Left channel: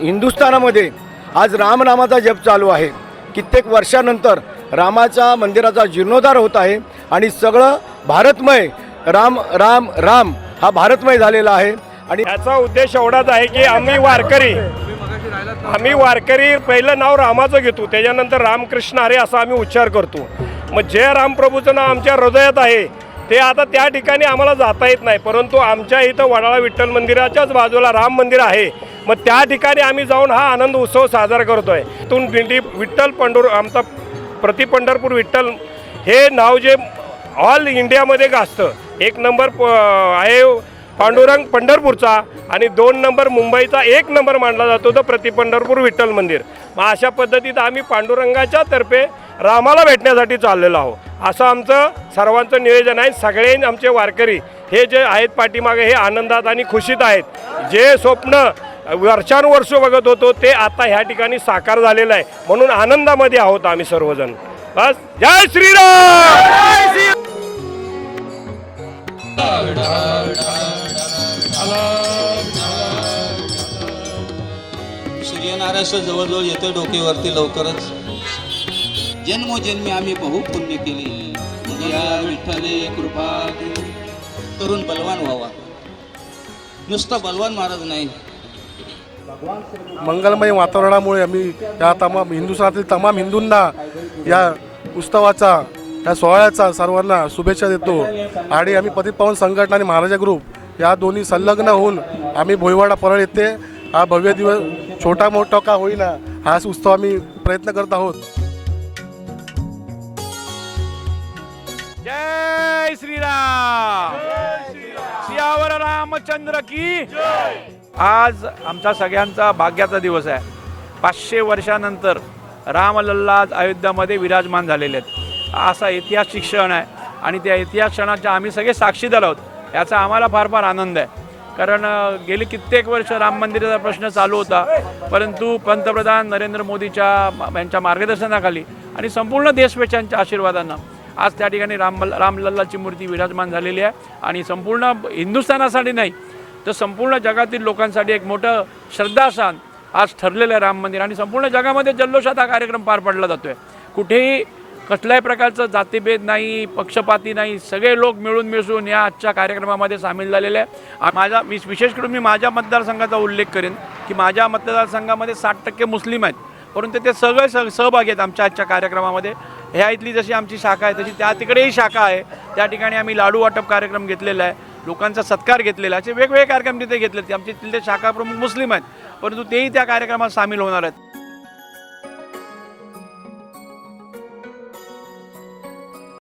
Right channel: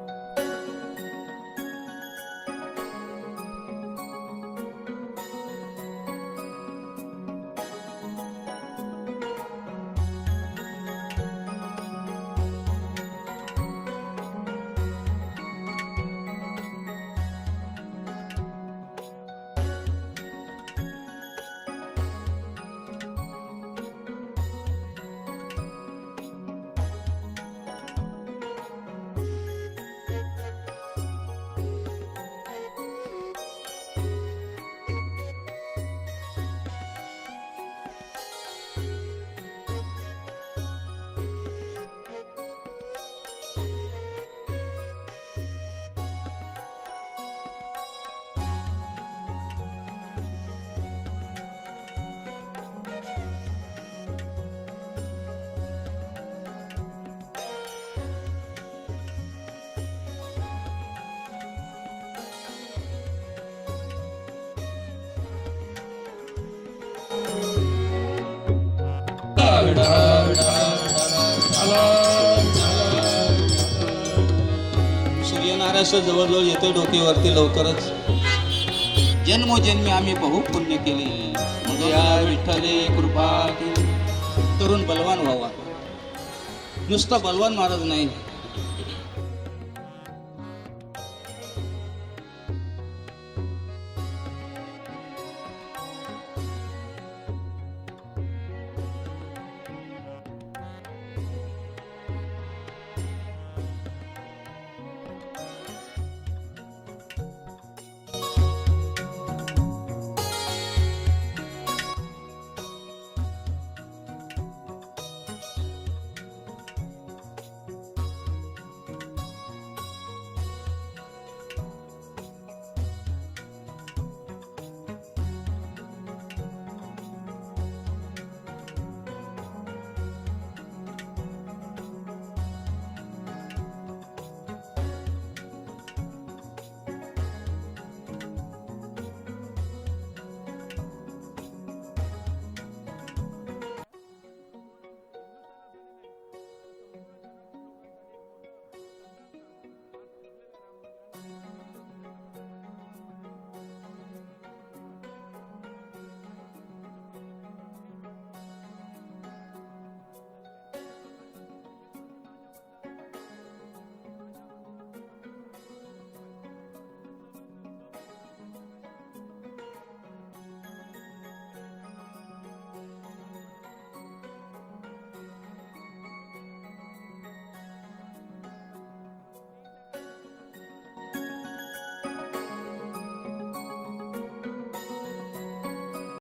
हिंदुस्थानामध्ये आज रामनामाचा जप चालू आहे. कित्येक वर्षानंतर रामाच्या मंदिराचा जीर्णोद्धार होत आहे आणि सगळं भारतमय राम राम राम हा भारतमय झालेला आहे आणि याचा उद्देश एवढाच आहे की आम्ही वारकरी आम्ही वारकरी पहिलं नाव रामाचं घेतो त्याच्यानंतर रामकृष्ण अरे असा आम्ही उच्चार करतो. मग जे रामप्रभूचं नाव आमच्या हृदयात आहे ते आता त्या ठिकाणी आम्हाला जाता येत नाही परंतु आमच्या इथं वडाळा विठ्ठल मंदिराच्याच बाजूला राम मंदिर आहे. मग त्या ठिकाणी आम्ही जाऊन हा आनंद उत्सव साजरा करतो आहे इथून दिंडी विठ्ठल पंढर आमचा प्रति पंढरपूर विठ्ठल हे नाव जे ऑल इंडियामध्ये गाजतं. एक नंबर प- आहे पांडुरंग पंढरपूरचा आणि दोन नंबर मुंबईचा एक नंबर मानला जातो तो प्रति पंढरपूर विठ्ठल मंदिर. मग अशा पद्धतीत आम्ही पांडुरंगाच्या तर्फे रामाला भेटण्यासाठी चाललेलो आहोत. असं आमचं सर्वांचं नियोजन आहे. सगळे आमचे वारकरी हे जे आहेत पाठीमागे हे आनंदात आणि खुशीत आहेत. जे स्वप्न वर्षानुवर्ष बघत होतो ते आता ह्या ठिकाणी साकार झालेलं आहे. म्हणून आनंदामध्ये आहोत आम्ही सर्वजण. बस जय श्रीराम! सूर्यनारायण जवळजवळ येतो डोकेवरती लवकरच. जन्मोजन्मी आम्ही बहु पुण्य केले. मग या विठ्ठले कृपा तरुण बलवान व्हावा. नुसता बलवान महाराज नाही. मंगलमय वातावरणामुळे आम्ही या तमाम हिंदुस्थानातील तमाम हिंदूंना या उत्सवाचा या सोहळ्याचा सर्वांना शुभेच्छा देतो. आणि आम्ही पतित पावन संघटना आणि महाराजा ग्रुप या दोन्ही संलग्न होऊन आम्ही भोईवाडा परळ येथे हा भव्य दिवस छोटा मोठा का होईना हाच उत्सव आम्ही प्रयत्न करत आहोत. रामचंद्र की आज आमचा सगळ्यांचा भाग्याचा दिवस आहे. पाचशे वर्षानंतर रामलल्ला अयोध्यामध्ये विराजमान झालेले आहेत. असा ऐतिहासिक क्षण आहे आणि त्या इतिहास क्षणाच्या आम्ही सगळे साक्षीदार आहोत. याचा आम्हाला फार फार आनंद आहे. कारण गेली कित्येक वर्ष राम मंदिराचा प्रश्न चालू होता. परंतु पंतप्रधान नरेंद्र मोदीच्या यांच्या मार्गदर्शनाखाली आणि संपूर्ण देशवेशांच्या आशीर्वादानं आज त्या ठिकाणी राम रामलल्लाची मूर्ती विराजमान झालेली आहे आणि संपूर्ण हिंदुस्थानासाठी नाही तर संपूर्ण जगातील लोकांसाठी एक मोठं श्रद्धास्थान आज ठरलेलं आहे राम मंदिर. आणि संपूर्ण जगामध्ये जल्लोषात हा कार्यक्रम पार पडला जातोय. कुठेही कसल्याही प्रकारचं जातीभेद नाही पक्षपाती नाही सगळे लोक मिळून मिसळून या आजच्या कार्यक्रमामध्ये सामील झालेले आहे. माझा मी विशेष करून मी माझ्या मतदारसंघाचा उल्लेख करेन की माझ्या मतदारसंघामध्ये साठ टक्के मुस्लिम आहेत. परंतु ते सगळे सह सहभागी आहेत आमच्या आजच्या कार्यक्रमामध्ये. ह्या इथली जशी आमची शाखा आहे तशी त्या तिकडेही शाखा आहे. त्या ठिकाणी आम्ही लाडू वाटप कार्यक्रम घेतलेला आहे. लोकांचा सत्कार घेतलेला आहे. असे वेगवेगळे कार्यक्रम तिथे घेतले आमचे तिथले शाखा प्रमुख मुस्लिम आहेत. परंतु तेही त्या कार्यक्रमात सामील होणार आहेत.